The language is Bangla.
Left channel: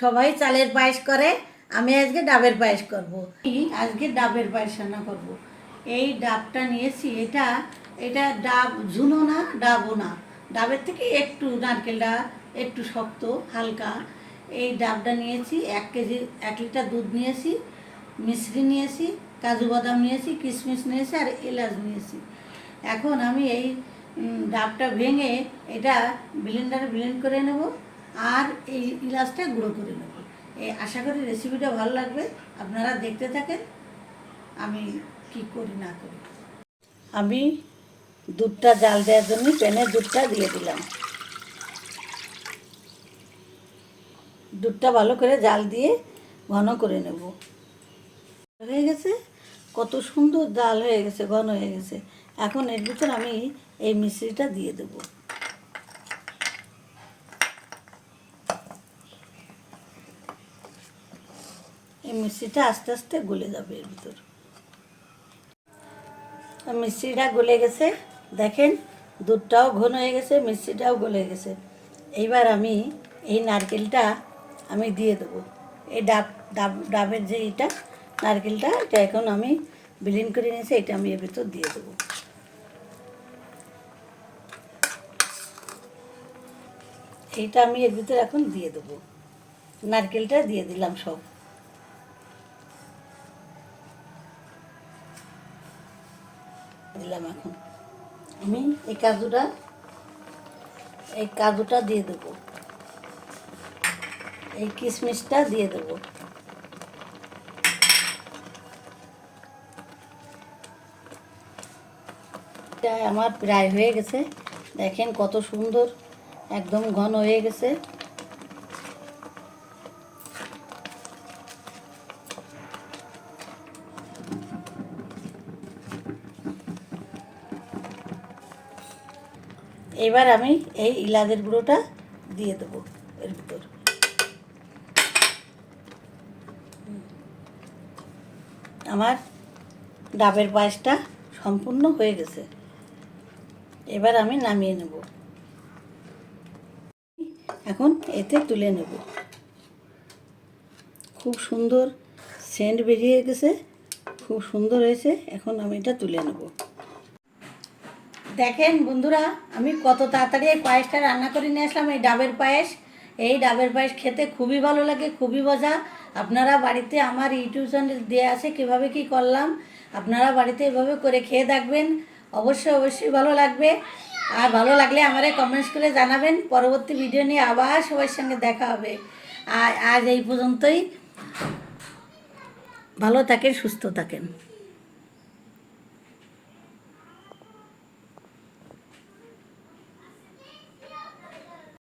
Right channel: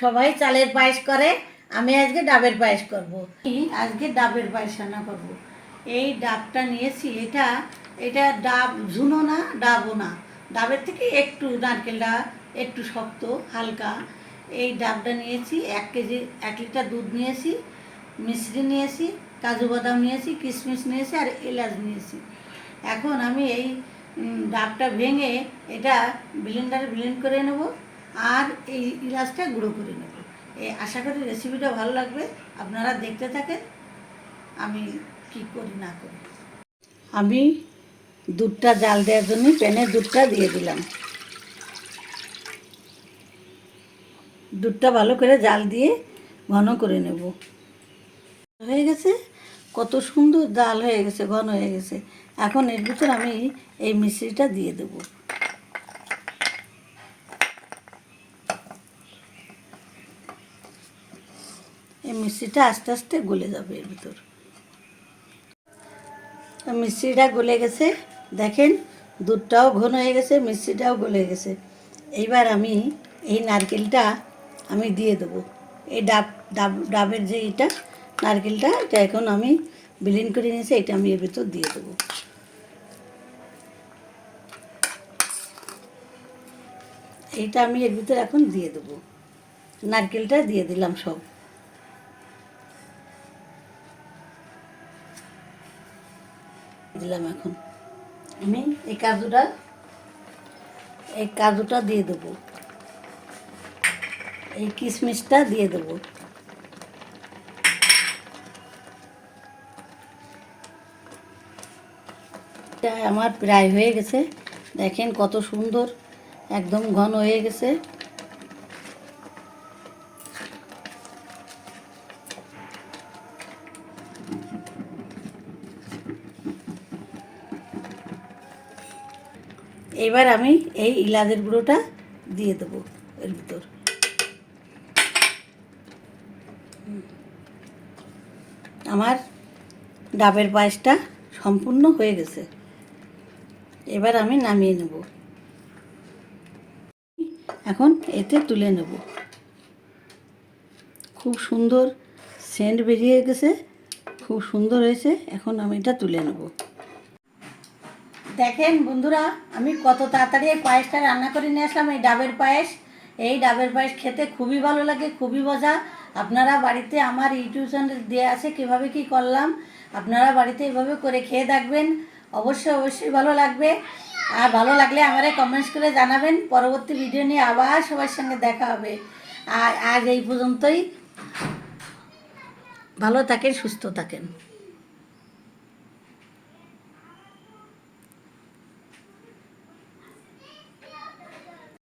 সবাই চালের পায়েস করে, আমি আজকে ডাবের পায়েস করব। আজকে ডাবের পায়েস রান্না করব। এই ডাবটা নিয়েছি, এটা এটা ডাব ঝুনো না, ডাবও না, ডাবের থেকে একটু নারকেলটা একটু শক্ত হালকা। এই ডাবটা নিয়েছি 1 কেজি, 1 লিটার দুধ নিয়েছি, মিশ্রি নিয়েছি, কাজু বাদাম নিয়েছি, কিশমিশ নিয়েছি আর এলাচ নিয়েছি। এখন আমি এই ডাবটা ভেঙে এটা ব্লেন্ডারে ব্লেন্ড করে নেব আর এই ইলাচটা গুঁড়ো করে নেব। আশা করি রেসিপিটা ভালো লাগবে, আপনারা দেখতে থাকেন আমি কি করি না করি। আমি দুধটা জাল দেওয়ার জন্য প্যানে দুধটা দিয়ে দিলাম। দুধটা ভালো করে জাল দিয়ে ঘন করে নেব। হয়ে গেছে, কত সুন্দর জাল হয়ে গেছে, ঘন হয়ে গেছে। এখন এর ভিতর আমি এই মিশ্রিটা দিয়ে দেব। এই মিষ্টিটা আস্তে আস্তে গলে যাবে এর ভিতর। মিষ্টিটা গলে গেছে, দেখেন দুধটাও ঘন হয়ে গেছে, মিষ্টিটাও গলে গেছে। এইবার আমি এই নারকেলটা আমি দিয়ে দেবো। এই ডাবের যে এটা নারকেলটা, এটা এখন আমি ব্লেন্ড করে নিয়েছি, এটা আমি এর ভিতর দিয়ে দেবো। এইটা আমি এর ভিতরে এখন দিয়ে দেবো, নারকেলটা দিয়ে দিলাম সব। দিলাম এখন আমি এই কাজুটা দিয়ে দেবো, এই কিশমিশটা দিয়ে দেবো। এটা আমার প্রায় হয়ে গেছে, দেখেন কত সুন্দর একদম ঘন হয়ে গেছে। এবার আমি এই ইলাচের গুঁড়োটা দিয়ে দেবো এর ভিতর। আমার ডাবের পায়েসটা সম্পূর্ণ হয়ে গেছে, এবার আমি নামিয়ে নেব। এখন এতে তুলে নেব। খুব সুন্দর সেন্ট বেরিয়ে গেছে, খুব সুন্দর হয়েছে। এখন আমি এটা তুলে নেব। দেখেন বন্ধুরা, আমি কত তাড়াতাড়ি এই পায়েসটা রান্না করে নিয়ে আসলাম। এই ডাবের পায়েস, এই ডাবের পায়েস খেতে খুবই ভালো লাগে, খুবই মজা। আপনারা বাড়িতে আমার ইউটিউব চ্যানেল দেওয়া আছে কীভাবে কী করলাম, আপনারা বাড়িতে এভাবে করে খেয়ে দেখবেন, অবশ্যই অবশ্যই ভালো লাগবে। আর ভালো লাগলে আমারে কমেন্টস করে জানাবেন। পরবর্তী ভিডিও নিয়ে আবার সবার সঙ্গে দেখা হবে। আর আজ এই পর্যন্তই। ভালো থাকেন, সুস্থ থাকেন।